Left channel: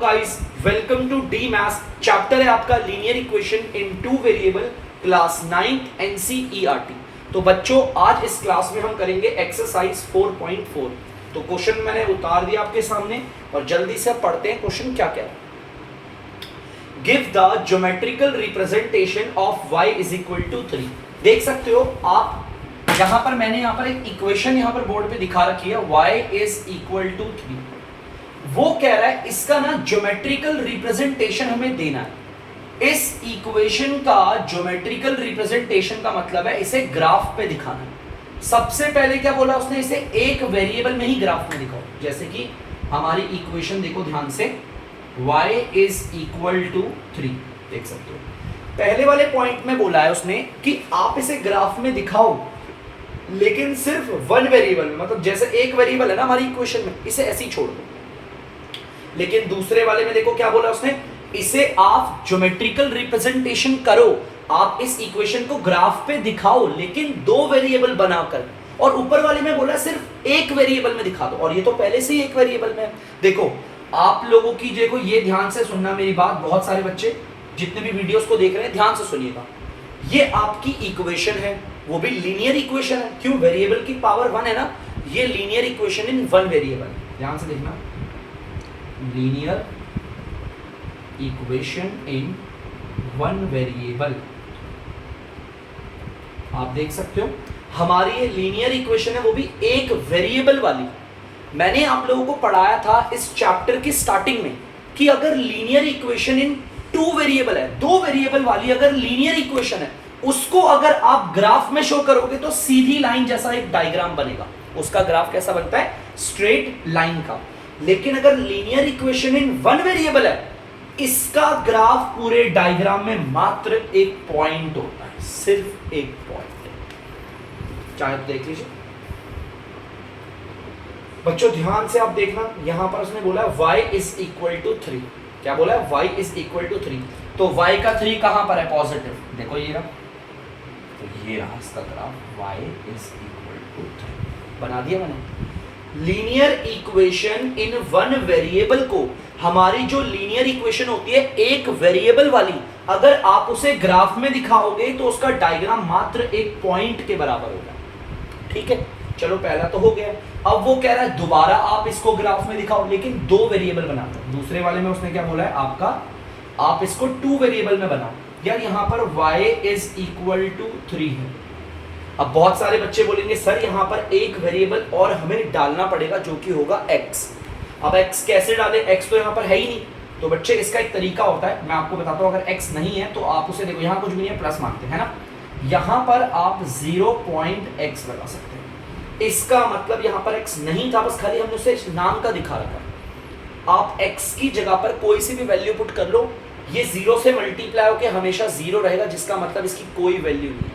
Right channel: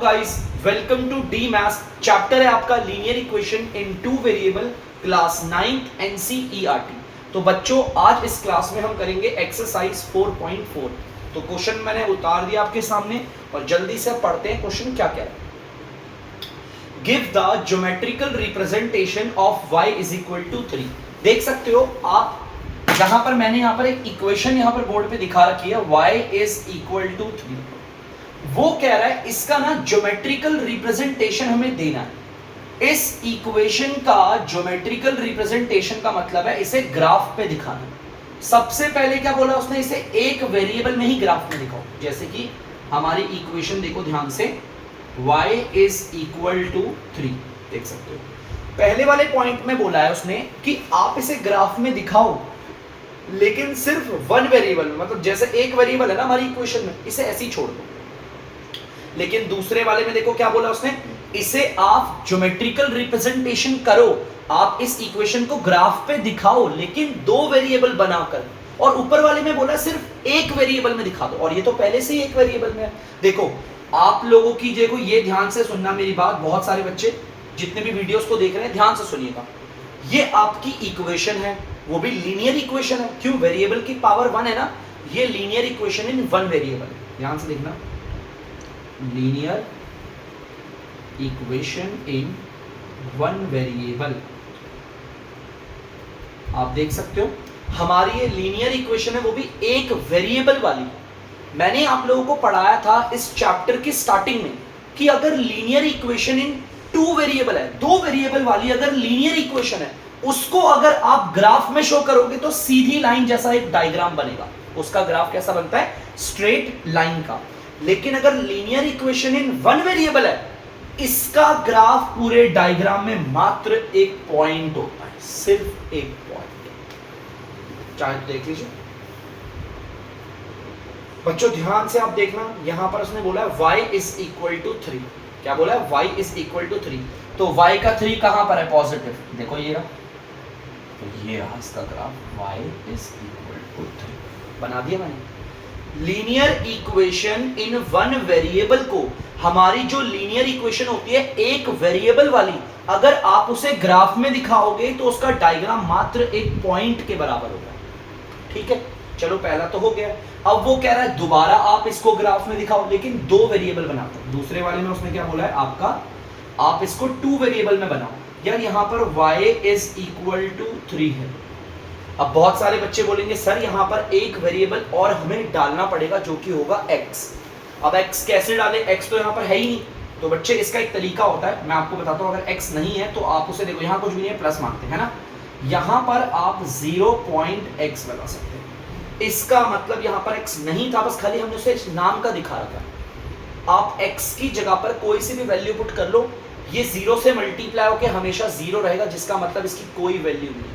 Guys welcome to the maths. Chapter है आपका linear equation in two variable, class 9th NCERT. तो बच्चों आज इस क्लास में हम करेंगे एक्सरसाइज 4.4। तो क्वेश्चन मैंने उतार दिया आपके सामने और जल्दी से पढ़ते हैं क्वेश्चन क्या क्या है। Give the geometrical representation of y is equal to 3। देख सकते हो आप यहां पर मैंने यहां पर एक इक्वेशन यहां पर बोर्ड पे दिखा रखी है, y इज इक्वल टू 3। वो कह रहा है इसका ना ज्योमेट्रिकल रिप्रेजेंटेशन हमें देना है। इस इक्वेशन का ज्योमेट्रिकल रिप्रेजेंटेशन का मतलब है इसे ग्राफ पे दिखाना है। सबसे पहले क्या बोला उसने, इसे एक वेरिएबल में ही ग्राफ में दिखाओ। जैसे कि हमारी इक्वेशन देखो ध्यान से, y इज इक्वल टू 3। देख सकते हो पहले वाले पॉइंट में बोला है उसने कि आप इसे ग्राफ में दिखाओ लेकिन सिर्फ वन वेरिएबल में, मतलब जैसे एक वेरिएबल है ना हमारी इक्वेशन में, इसे ऐसे ही छोड़ दो। लेकिन दूसरे वाले में देखो क्या बोला उसने, इसे आप ज्योमेट्रिकल रिप्रेजेंटेशन करो, आप इस इक्वेशन को ग्राफ पे दिखाओ लेकिन दो वेरिएबल बनाकर। और ऊपर वाले में बोला सिर्फ एक वेरिएबल में दिखा दो, और ये तो पहले से ही एक वेरिएबल में है। देखो आप लोगों की देखो ये ध्यान से सुनना मेरी बात, बहुत सारे बच्चे जितने भी वीडियोस को देख रहे हैं ध्यान से सुनिएगा। ये आपकी इक्वेशन है, वो भी लीनियर इक्वेशन है। क्यों? वेरिएबल की पावर 1 है ना। ये linear equation in one variable, ध्यान से देखना, linear equation in one variable. आप देख सकते हो हमारी ये लीनियर इक्वेशन है, वो भी एक वेरिएबल वाली। मैंने आप लोगों को पढ़ाया था इस चैप्टर की स्टार्टिंग में कि अगर linear equation in two variable है, दो वेरिएबल वाली अगर लीनियर इक्वेशन है, उसको अगर आप ग्राफ में शो करोगे तो सीधी लाइन जैसा एक डायग्राम बनेगा। उसका ग्राफ कैसा बनता है? स्ट्रेट लाइन का। लेकिन अगर linear equation in one variable है, इसका ग्राफ पूरे डायग्राम में मात्र एक पॉइंट होता है, सिर्फ एक पॉइंट। चाहे तो देख लीजिए बच्चों, ध्यान से आप देखना। यहां पर उसने बोला y इज इक्वल टू 3। क्या बोला है? y is equal to 3। तो y का 3 कहां पर है? पॉजिटिव। देखो ये रहा, तो ये रहा इसका graph, y is equal to 3 बना दिया मैंने। Linear equation in one variable को, हमारी जो लीनियर इक्वेशन होती है एक वेरिएबल वाली, अगर आप उसे ग्राफ में दिखाओगे तो उसका डायग्राम मात्र एक पॉइंट के बराबर होगा। ठीक है, चलो पहला तो हो गया। अब वो कह रहा है दोबारा आप इसको ग्राफ में दिखाओ लेकिन दो वेरिएबल बनाओ। दूसरे वाले में उसने क्या बोला है आपका, आप इसको टू वेरिएबल में बनाओ। यार यहां पर y इज इक्वल टू 3 है। अब बहुत सारे बच्चे बोलेंगे सर यहाँ पर एक वेरिएबल और हमें डालना पड़ेगा जो कि होगा x। अब x कैसे डालें? x तो यहाँ पर है ही नहीं। तो बच्चे इसका एक तरीका होता है, मैं आपको बताता हूँ। अगर x नहीं है तो आप उसे देखो, यहाँ कुछ भी नहीं है, प्लस मानते हैं ना, यहाँ पर आप 0.x लगा सकते हैं। इसका मतलब यहाँ पर x नहीं था, बस खाली हमने उसे नाम का दिखा रखा। आप x की जगह पर कोई सी भी वैल्यू पुट कर लो, ये 0 से मल्टीप्लाई होकर हमेशा 0 रहेगा, जिसका मतलब इसकी कोई वैल्यू नहीं है।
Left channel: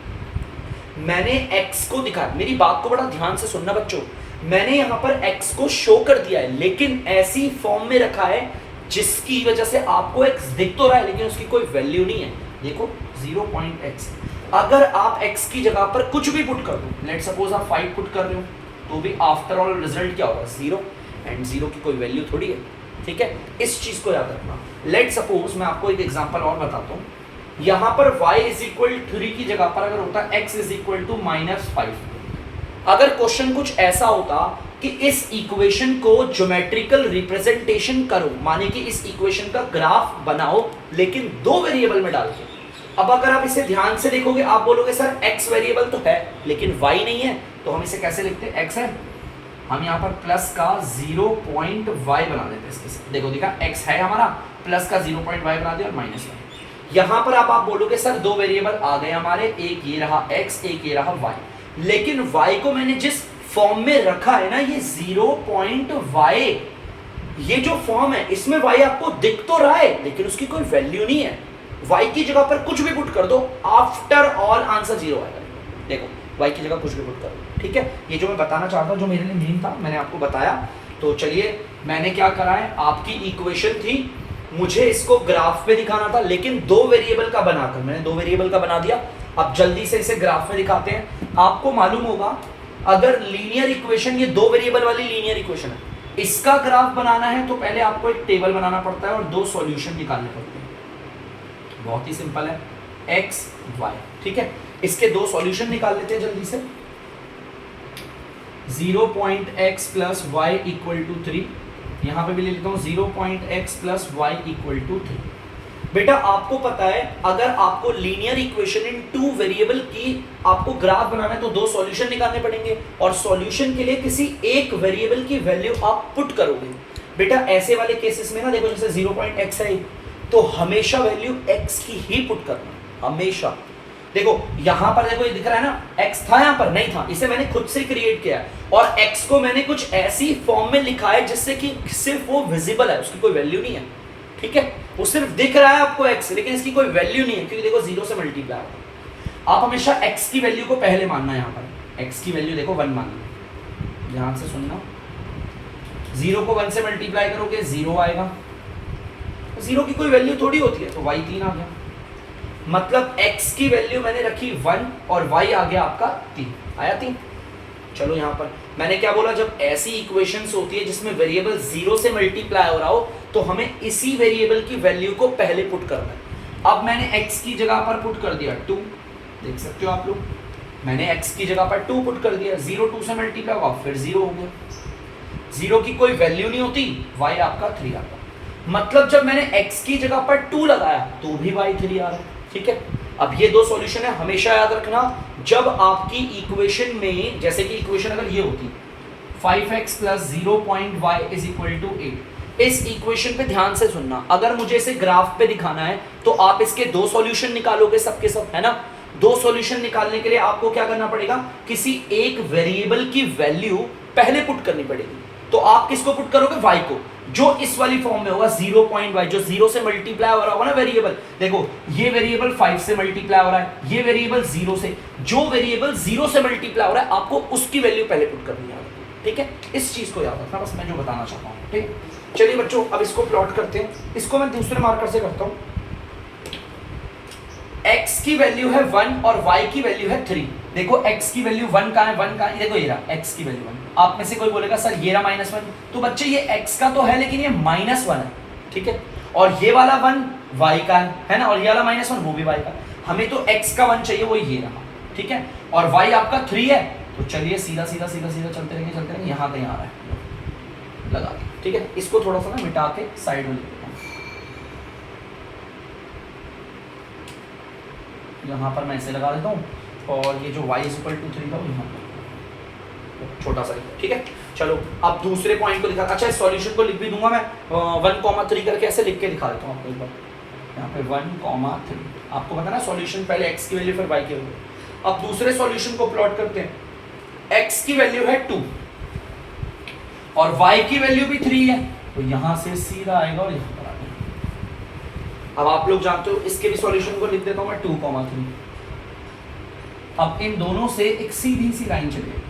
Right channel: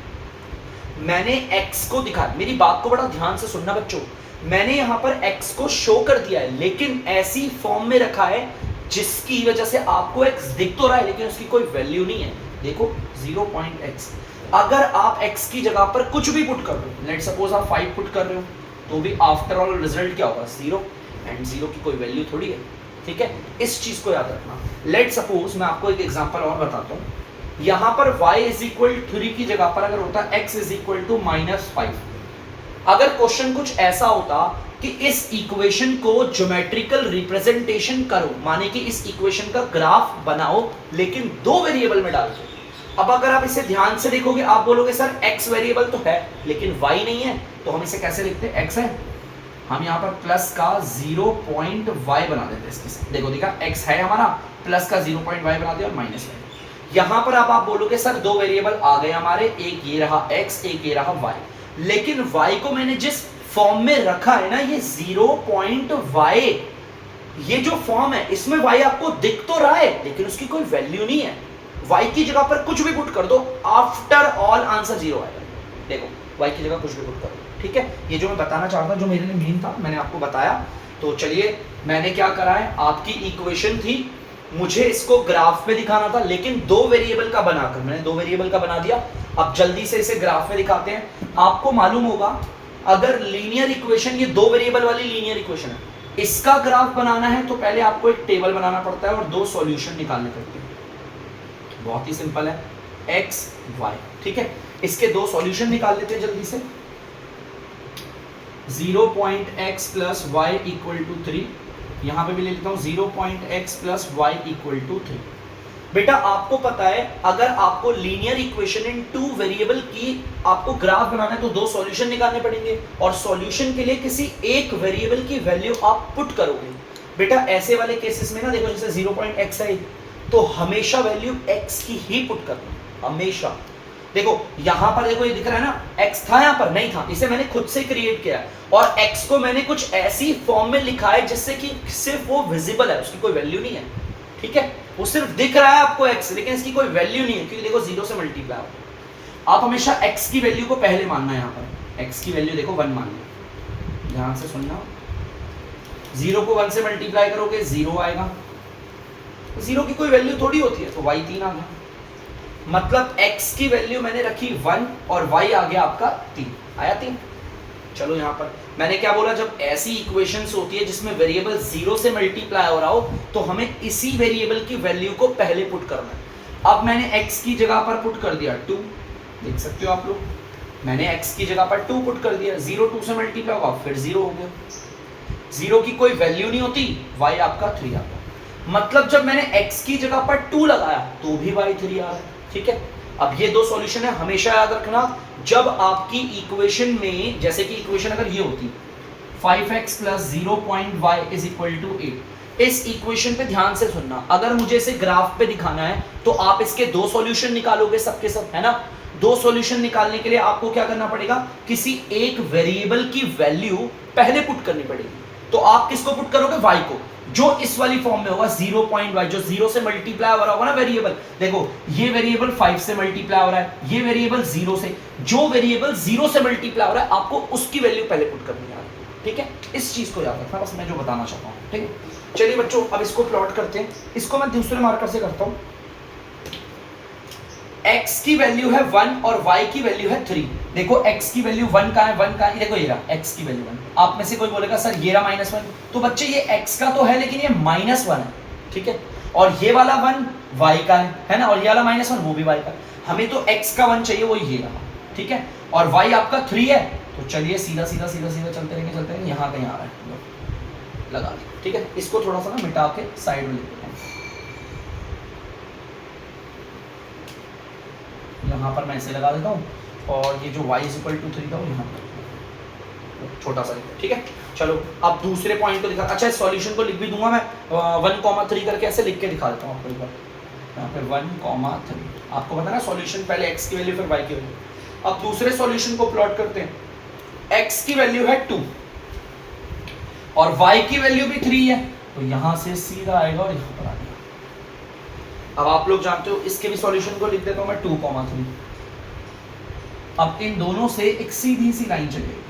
मैंने x को दिखाया, मेरी बात को बड़ा ध्यान से सुनना बच्चों, मैंने यहां पर x को शो कर दिया है लेकिन ऐसी फॉर्म में रखा है जिसकी वजह से आपको x दिख तो रहा है लेकिन उसकी कोई वैल्यू नहीं है। देखो 0.x, अगर आप x की जगह पर कुछ भी पुट कर दो, लेट सपोज आप 5 पुट कर रहे हो, तो भी आफ्टर ऑल रिजल्ट क्या होगा? 0, एंड 0 की कोई वैल्यू थोड़ी है। ठीक है, इस चीज को याद रखना। लेट सपोज मैं आपको एक एग्जांपल और बताता हूँ। यहां पर y इज इक्वल 3 की जगह पर अगर होता x इज इक्वल टू -5, अगर क्वेश्चन कुछ ऐसा होता कि इस इक्वेशन को ज्योमेट्रिकल रिप्रेजेंटेशन करो, माने कि इस इक्वेशन का ग्राफ बनाओ लेकिन दो वेरिएबल में डाल के। अब अगर आप इसे ध्यान से देखोगे आप बोलोगे सर x वेरिएबल तो है लेकिन y नहीं है, तो हम इसे कैसे लिखते हैं? x है, हम यहाँ पर प्लस का 0.y बना देते हैं इसके साथ। देखो देखा, x है हमारा, प्लस का 0.y बना दिया और माइनस y। यहां पर आप बोलोगे सर दो वेरिएबल आ गए हमारे, एक ये रहा x, एक ये रहा y, लेकिन y को मैंने जिस फॉर्म में रखा है ना, ये 0.y, ये जो फॉर्म है इसमें y आपको दिख तो रहा है लेकिन उसकी कोई वैल्यू नहीं है। y की जगह पर कुछ भी पुट कर दो, आफ्टर ऑल आंसर 0 आएगा। देखो y की जगह कुछ भी पुट कर दो। ठीक है, ये जो मैं बताना चाहता हूं, जो मेरे लिए मेन था, मैंने आपको बताया। तो चलिए मैंने क्या करा है, आपकी इक्वेशन थी, मुझे इसको ग्राफ पे दिखाना था लेकिन दो वेरिएबल का बनाकर, मैंने दो वेरिएबल का बना दिया। अब जल्दी से इसे ग्राफ में दिखाते हैं। आपको मालूम होगा अगर लीनियर इक्वेशन, ये दो वेरिएबल वाली लीनियर इक्वेशन है, इसका ग्राफ बनाना है तो पहले आपको एक टेबल बनाना पड़ता है और दो सॉल्यूशन निकालने पड़ते हैं। बहुत ही सिंपल है, x y, ठीक है। इसके दो सॉल्यूशन निकाल लेते हैं जल्दी से। 0.x plus Y equal to 3, यहां पे भी ले लेता हूं 0.x plus Y equal to 3। बेटा आपको पता है अगर आपको linear equation in two variable की आपको ग्राफ बनाना है तो दो सॉल्यूशन निकालने पड़ेंगे और सॉल्यूशन के लिए किसी एक वेरिएबल की वैल्यू आप पुट करोगे। बेटा ऐसे वाले केसेस में ना देखो, जैसे 0.x है तो हमेशा वैल्यू x की ही पुट करनी, हमेशा। देखो यहां पर देखो ये दिख रहा है ना, x था यहां पर, नहीं था, इसे मैंने खुद से क्रिएट किया है और x को मैंने कुछ ऐसी फॉर्म में लिखा है जिससे कि सिर्फ वो विजिबल है, उसकी कोई वैल्यू नहीं है, ठीक है। वो सिर्फ दिख रहा है आपको x, लेकिन इसकी कोई वैल्यू नहीं है क्योंकि देखो 0 से मल्टीप्लाई है। आप हमेशा x की वैल्यू को पहले मानना है, यहाँ पर x की वैल्यू देखो 1 मानना, ध्यान से सुनना। 0 को 1 से मल्टीप्लाई करोगे 0 आएगा, 0 की कोई वैल्यू थोड़ी होती है, तो y 3 आ गया। मतलब x की वैल्यू मैंने रखी 1 और y आ गया आपका 3, आया 3। चलो यहाँ पर मैंने क्या बोला, जब ऐसी इक्वेशंस होती है जिसमें वेरिएबल 0 से मल्टीप्लाई हो रहा हो तो हमें इसी वेरिएबल की वैल्यू को पहले पुट करना है। अब मैंने x की जगह पर पुट कर दिया 2, देख सकते हो आप लोग, मैंने x की जगह पर 2 पुट कर दिया, 0 2 से मल्टीप्लाई होगा फिर 0 हो गया, 0 की कोई वैल्यू नहीं होती, y आपका 3 आता। मतलब जब मैंने x की जगह पर 2 लगाया तो भी y 3 आ रहा है, ठीक है। अब ये दो सॉल्यूशन है, हमेशा याद रखना जब आपकी इक्वेशन में, जैसे कि इक्वेशन अगर ये होती 5x plus 0.y is equal to 8, इस इक्वेशन पे ध्यान से सुनना, अगर मुझे इसे ग्राफ पे दिखाना है तो आप इसके दो सॉल्यूशन निकालोगे सबके सब, है ना। दो सॉल्यूशन निकालने के लिए आपको क्या करना पड़ेगा, किसी एक वेरिएबल की वैल्यू पहले पुट करनी पड़ेगी। तो आप किसको पुट करोगे, y को, जो इस वाली फॉर्म में होगा 0.y, जो 0 से मल्टीप्लाई हो रहा होगा ना वेरिएबल। देखो ये वेरिएबल 5 से मल्टीप्लाई हो रहा है, ये वेरिएबल 0 से, जो वेरिएबल 0 से मल्टीप्लाई हो रहा है आपको उसकी वैल्यू पहले पुट करनी है, ठीक है। इस चीज को याद रखना, बस मैं जो बताना चाहता हूँ, ठीक है। चलिए बच्चों अब इसको प्लॉट करते हैं, इसको मैं दूसरे मार्कर से करता हूँ। x की वैल्यू है 1 और y की वैल्यू है 3। देखो x की वैल्यू 1 का है, 1 का है, देखो ये रहा x की वैल्यू 1। आप में से कोई बोलेगा सर ये रहा -1, तो बच्चे ये x का तो है लेकिन ये -1 है, ठीक है। और ये वाला 1 y का है ना, और ये वाला -1 वो भी y का। हमें तो x का 1 चाहिए, वो ये रहा, ठीक है। और y आपका 3 है, तो चलिए सीधा सीधा सीधा सीधा चलते रहेंगे, यहाँ कहीं आ रहा है लगा के, ठीक है। इसको थोड़ा सा ना मिटा के साइड में लिखते हैं, यहाँ पर मैं इसे लगा देता हूँ, और ये जो y = 3 था वो यहाँ पर छोटा सा, ठीक है। चलो अब दूसरे पॉइंट को दिखा, अच्छा इस सॉल्यूशन को लिख भी दूंगा मैं 1,3 करके, ऐसे लिख के दिखा देता हूँ आपको एक बार। यहाँ पे 1,3, आपको पता ना सॉल्यूशन पहले x की वैल्यू फिर y की वैल्यू। अब दूसरे सॉल्यूशन को प्लॉट करते हैं। x की वैल्यू है 2 और y की वैल्यू भी 3 है, तो यहाँ से सीधा आएगा और यहाँ पर आ गया। अब आप लोग जानते हो इसके भी सॉल्यूशन को लिख देता हूं मैं 2,3। अब इन दोनों से एक सीधी सी लाइन चलेगी,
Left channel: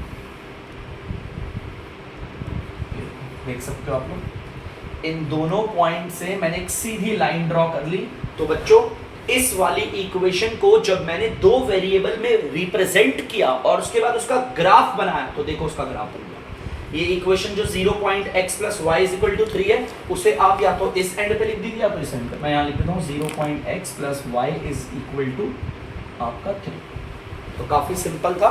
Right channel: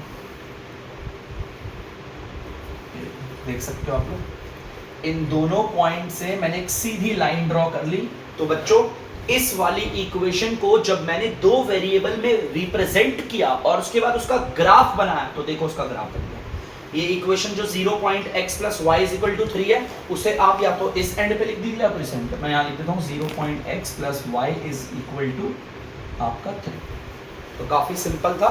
देख सकते हो आप लोग, इन दोनों पॉइंट से मैंने एक सीधी लाइन ड्रॉ कर ली। तो बच्चों इस वाली इक्वेशन को जब मैंने दो वेरिएबल में रिप्रेजेंट किया और उसके बाद उसका ग्राफ बनाया, तो देखो उसका ग्राफ बन गया। ये इक्वेशन जो 0.x प्लस y = 3 है, उसे आप या तो इस एंड पे लिख दीजिए या तो इस एंड पे। मैं यहाँ लिख देता हूँ 0.x प्लस y = आपका 3। तो काफी सिंपल था।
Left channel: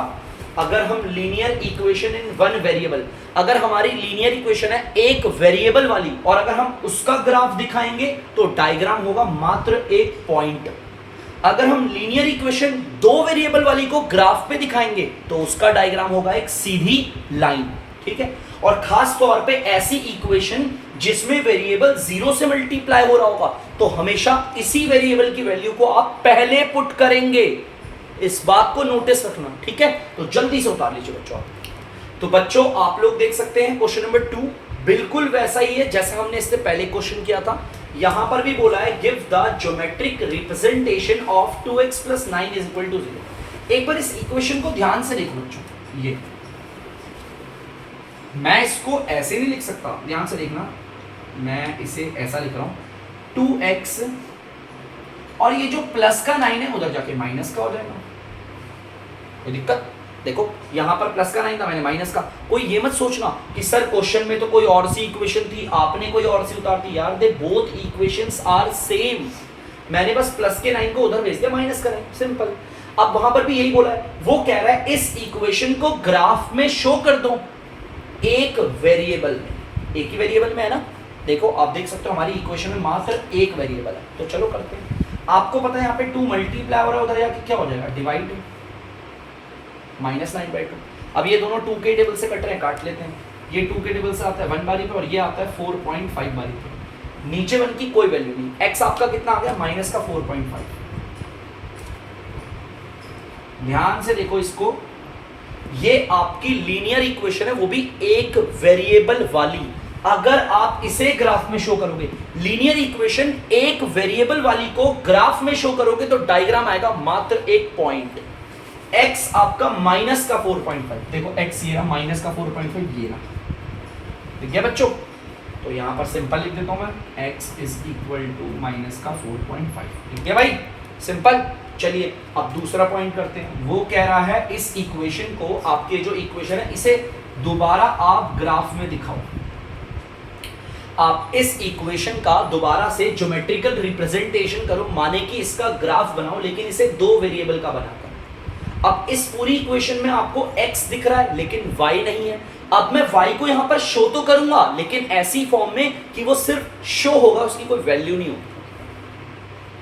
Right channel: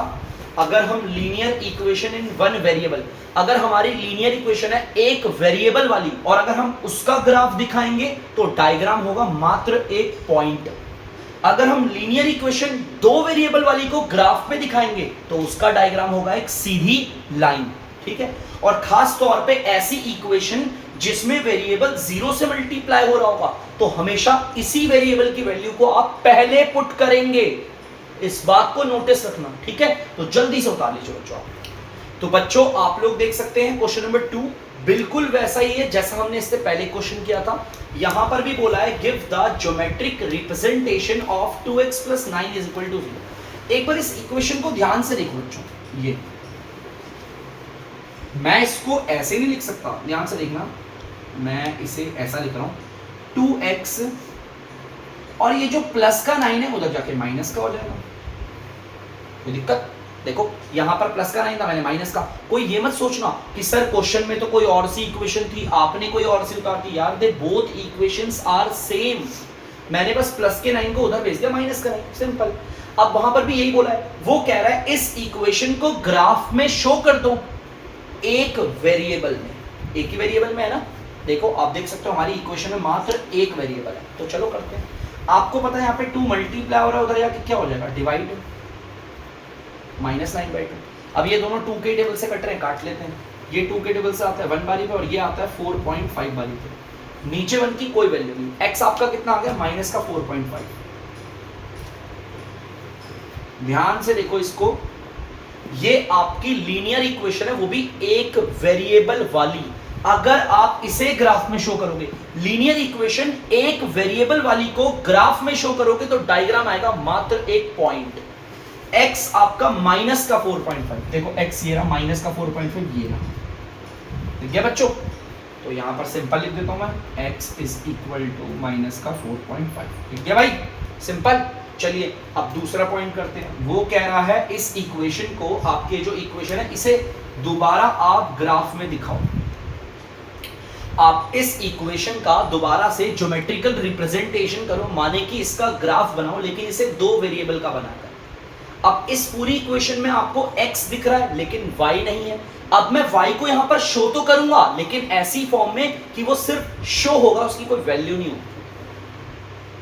अगर हम linear equation in one variable, अगर हमारी लीनियर इक्वेशन है एक वेरिएबल वाली और अगर हम उसका ग्राफ दिखाएंगे तो डायग्राम होगा मात्र एक पॉइंट। अगर हम लीनियर इक्वेशन दो वेरिएबल वाली को ग्राफ पे दिखाएंगे तो उसका डायग्राम होगा एक सीधी लाइन, ठीक है। और खास तौर पे ऐसी इक्वेशन जिसमें वेरिएबल 0 से मल्टीप्लाई हो रहा होगा तो हमेशा इसी वेरिएबल की वैल्यू को आप पहले पुट करेंगे। इस बात को नोटिस रखना, ठीक है। तो जल्दी से उतार लीजिए बच्चों। तो बच्चों आप लोग देख सकते हैं क्वेश्चन नंबर 2 बिल्कुल वैसा ही है जैसा हमने इससे पहले क्वेश्चन किया था। यहां पर भी बोला है give the geometric representation of 2x + 9 = 0। एक बार इस इक्वेशन को ध्यान से देखो बच्चों, ये मैं इसको ऐसे नहीं लिख सकता, ध्यान से देखना, मैं इसे ऐसा लिख रहा हूं 2x और ये जो प्लस का 9 है उधर जाके माइनस का हो जाएगा, कोई दिक्कत? देखो यहाँ पर प्लस का नहीं था, मैंने माइनस का। कोई ये मत सोचना कि सर क्वेश्चन में तो कोई और सी इक्वेशन थी, आपने कोई और सी उतार दी। यार they both equations are same, मैंने बस प्लस के 9 को उधर भेज दिया माइनस का 9, सिंपल। अब वहां पर भी यही बोला है, वो कह रहा है इस इक्वेशन को ग्राफ में शो कर दो एक वेरिएबल में। एक ही वेरिएबल में है ना, देखो आप देख सकते हो हमारी इक्वेशन में मात्र एक वेरिएबल है। तो चलो करते हैं। आपको पता है यहाँ पे 2 मल्टीप्लाई हो रहा है, उधर जाके क्या हो जाएगा, डिवाइड -9/2। अब ये दोनों 2 के टेबल से कट रहे हैं, काट लेते हैं। ये 2 के टेबल से आता है 1 बारी पे और ये आता है 4.5 बारी पे। नीचे 1 की कोई वैल्यू नहीं। x आपका कितना आ गया, माइनस का 4.5। ध्यान से देखो इसको, ये आपकी लीनियर इक्वेशन है, वो भी एक वेरिएबल वाली। अगर आप इसे ग्राफ में शो करोगे, लीनियर इक्वेशन एक वेरिएबल वाली को ग्राफ में शो करोगे तो डायग्राम आएगा मात्र एक पॉइंट। x आपका माइनस का 4.5, देखो x ये रहा माइनस का 4.5, ये रहा, ठीक है बच्चों। तो यहां पर सिंपल लिख देता हूं मैं, x is equal to minus का 4.5, ठीक है भाई, सिंपल। चलिए अब दूसरा पॉइंट करते हैं। वो कह रहा है इस इक्वेशन को, आपके जो इक्वेशन है इसे दोबारा आप ग्राफ में दिखाओ। आप इस इक्वेशन का दोबारा से ज्योमेट्रिकल रिप्रेजेंटेशन करो, माने कि इसका ग्राफ बनाओ, लेकिन इसे 2 वेरिएबल का बनाकर। अब इस पूरी इक्वेशन में आपको x दिख रहा है लेकिन y नहीं है। अब मैं y को यहां पर शो तो करूंगा, लेकिन ऐसी फॉर्म में कि वो सिर्फ शो होगा, उसकी कोई वैल्यू नहीं होगी।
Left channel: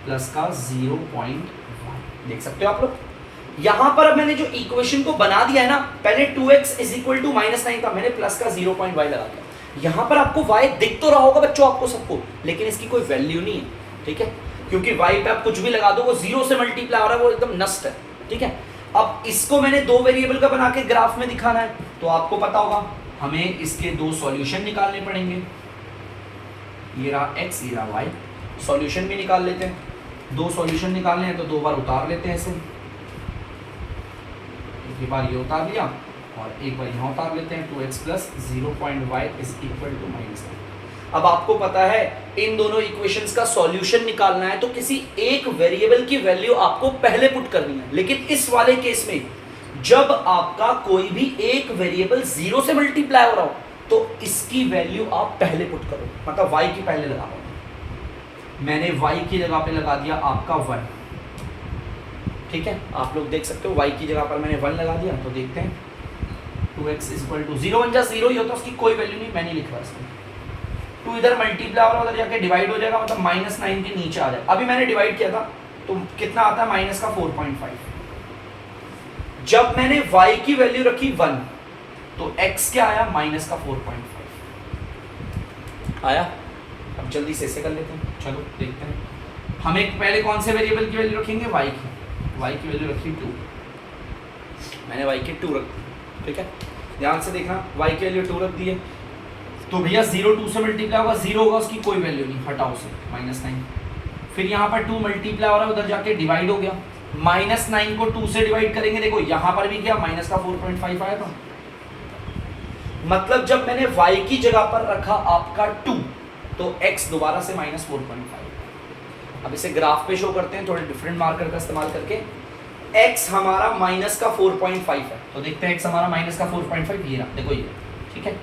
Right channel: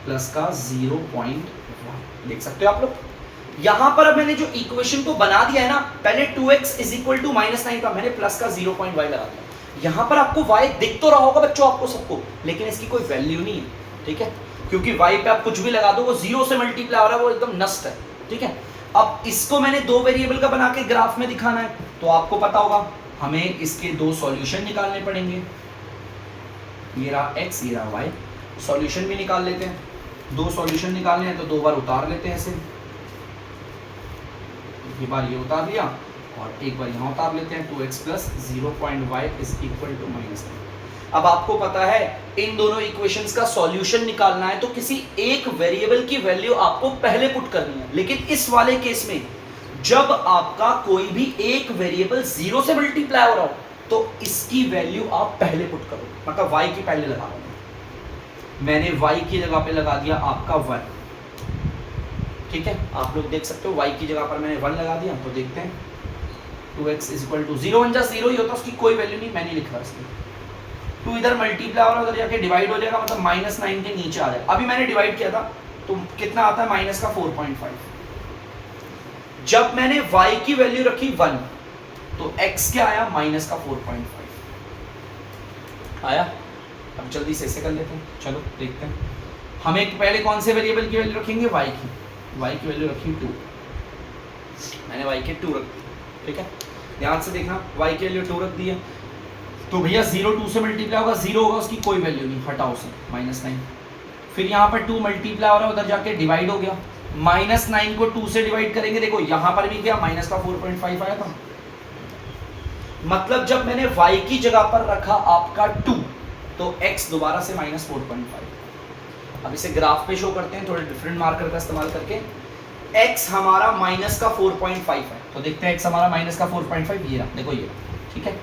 प्लस का 0.1 देख सकते हो आप लोग। यहां पर अब मैंने जो इक्वेशन को बना दिया है ना, पहले 2x इज इक्वल टू -9 था, मैंने प्लस का 0.y लगा दिया। यहां पर आपको y दिख तो रहा होगा बच्चों आपको सबको, लेकिन इसकी कोई वैल्यू नहीं है, ठीक है, क्योंकि y पे आप कुछ भी लगा दो वो 0 से मल्टीप्लाई हो रहा है, वो एकदम नष्ट है, ठीक है। अब इसको मैंने 2 वेरिएबल का बना के ग्राफ में दिखाना है, तो आपको पता होगा हमें इसके 2 सॉल्यूशन निकालने पड़ेंगे। ये रहा x, ये रहा y। सॉल्यूशन भी निकाल लेते हैं। 2 सॉल्यूशन निकालने हैं तो 2 बार उतार लेते हैं ऐसे, एक बार ये उतार लिया और एक बार यहाँ उतार लेते हैं। 2x plus 0.y is equal to -9। अब आपको पता है इन दोनों इक्वेशंस का सॉल्यूशन निकालना है तो किसी एक वेरिएबल की वैल्यू आपको पहले पुट करनी है। लेकिन इस वाले केस में जब आपका कोई भी एक वेरिएबल 0 से मल्टीप्लाई हो रहा हो तो इसकी वैल्यू आप पहले पुट करो, मतलब y की पहले लगा लो। मैंने y की जगह पे लगा दिया आपका 1, ठीक है। आप लोग देख सकते हो y की जगह पर मैंने 1 लगा दिया, तो देखते हैं 2x इज इक्वल टू 0 1 जा 0 ही होता, उसकी कोई वैल्यू नहीं, मैंने लिखा इसमें 2 इधर मल्टीप्लाई हो रहा है, उधर जाके डिवाइड हो जाएगा, मतलब -9 के नीचे आ जाएगा। अभी मैंने डिवाइड किया था तो कितना आता है, माइनस का 4.5। जब मैंने y की वैल्यू रखी 1 तो x क्या आया, माइनस का 4.5 आया। अब जल्दी से ऐसे कर लेते हैं, चलो देखते हैं। हमें पहले कौन से वेरिएबल की वैल्यू रखेंगे, y की वैल्यू रखी 2, मैंने y की 2 रख, ठीक है। ध्यान से देखना, y की वैल्यू 2 रख दी है तो भैया 0 2 से मल्टीप्लाई होगा, 0 होगा, उसकी कोई वैल्यू नहीं, हटाओ से -9। फिर यहाँ पर 2 मल्टीप्लाई हो रहा है, उधर जाके डिवाइड हो गया, -9 को 2 से डिवाइड करेंगे, देखो यहाँ पर भी क्या माइनस का 4.5 आया था। मतलब जब मैंने y की जगह पर रखा आपका 2 तो x दोबारा से -4.5। अब इसे ग्राफ पे शो करते हैं थोड़े डिफरेंट मार्कर का इस्तेमाल करके। x हमारा माइनस का 4.5 है, तो देखते हैं x हमारा माइनस का 4.5, ये रहा, देखो ये, ठीक है,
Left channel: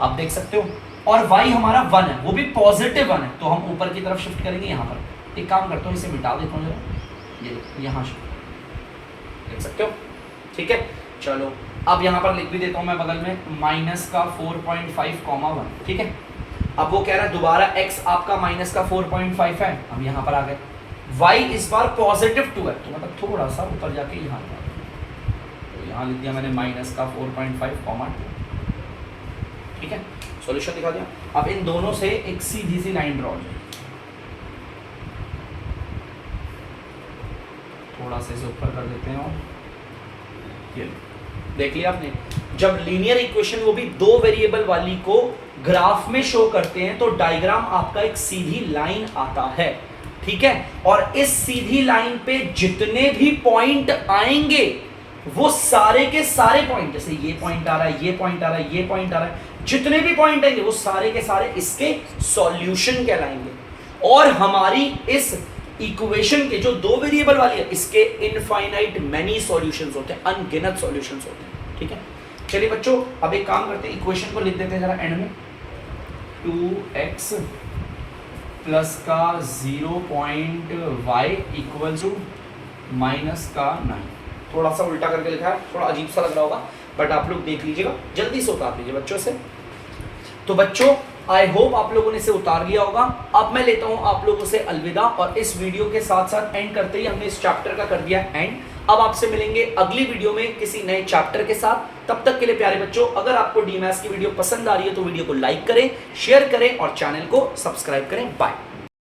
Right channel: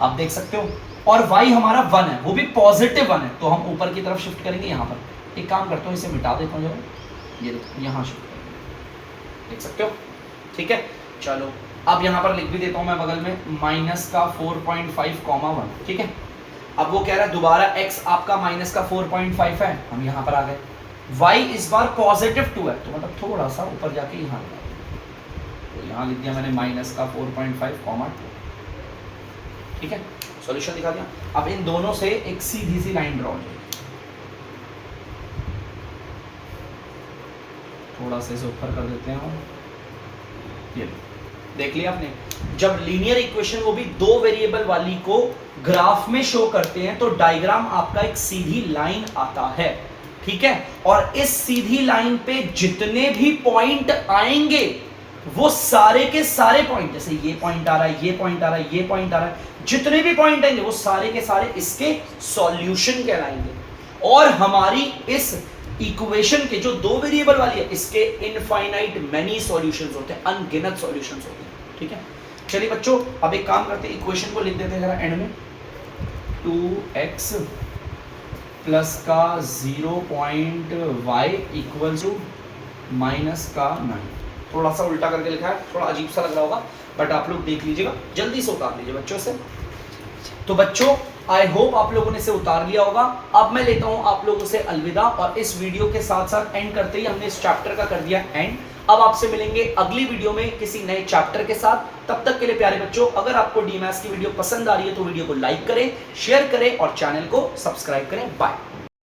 आप देख सकते हो। और y हमारा 1 है, वो भी पॉजिटिव 1 है, तो हम ऊपर की तरफ शिफ्ट करेंगे। यहाँ पर एक काम करता हूँ, इसे मिटा देता हूँ जरा, ये देखो यहाँ शिफ्ट देख सकते हो, ठीक है। चलो अब यहाँ पर लिख भी देता हूँ मैं बगल में माइनस का 4.5, 1, ठीक है। अब वो कह रहा है दोबारा x आपका माइनस का 4.5 है, हम यहाँ पर आ गए। y इस बार पॉजिटिव 2 है, तो मतलब थोड़ा सा ऊपर जाके यहाँ तो यहाँ लिख दिया मैंने माइनस का 4.5, 2, ठीक है। सॉल्यूशन दिखा दिया। अब इन दोनों से एक सीधी सी लाइन ड्रॉ हो जाएगी, थोड़ा सा इसे ऊपर कर देते हैं, ये देख लिया आपने। जब लीनियर इक्वेशन वो भी 2 वेरिएबल वाली को ग्राफ में शो करते हैं तो डायग्राम आपका एक सीधी लाइन आता है, ठीक है। और इस सीधी लाइन पे जितने भी पॉइंट आएंगे वो सारे के सारे पॉइंट, जैसे ये पॉइंट आ रहा है, ये पॉइंट आ रहा है, ये पॉइंट आ रहा है, जितने भी पॉइंट आएंगे वो सारे के सारे इसके सॉल्यूशन कहलाएंगे। और हमारी इस इक्वेशन के जो दो वेरिएबल वाली है इसके इनफाइनाइट मैनी सॉल्यूशंस होते हैं, अनगिनत सॉल्यूशंस होते हैं, ठीक है। चलिए बच्चों अब एक काम करते हैं, इक्वेशन को लिख देते हैं जरा एंड में, 2x प्लस का 0.y इक्वल टू माइनस का 9। थोड़ा सा उल्टा करके लिखा है, थोड़ा अजीब सा लग रहा होगा, बट आप लोग देख लीजिएगा, जल्दी से उतार लीजिए बच्चों से। तो बच्चों आई होप आप लोगों ने इसे उतार लिया होगा। अब मैं लेता हूं आप लोगों से अलविदा, और इस वीडियो के साथ साथ एंड करते ही हमने इस चैप्टर का कर दिया एंड। अब आपसे मिलेंगे अगली वीडियो में किसी नए चैप्टर के साथ। तब तक के लिए प्यारे बच्चों, अगर आपको डीमैथ्स की वीडियो पसंद आ रही है तो वीडियो को लाइक करें, शेयर करें और चैनल को सब्सक्राइब करें। बाय।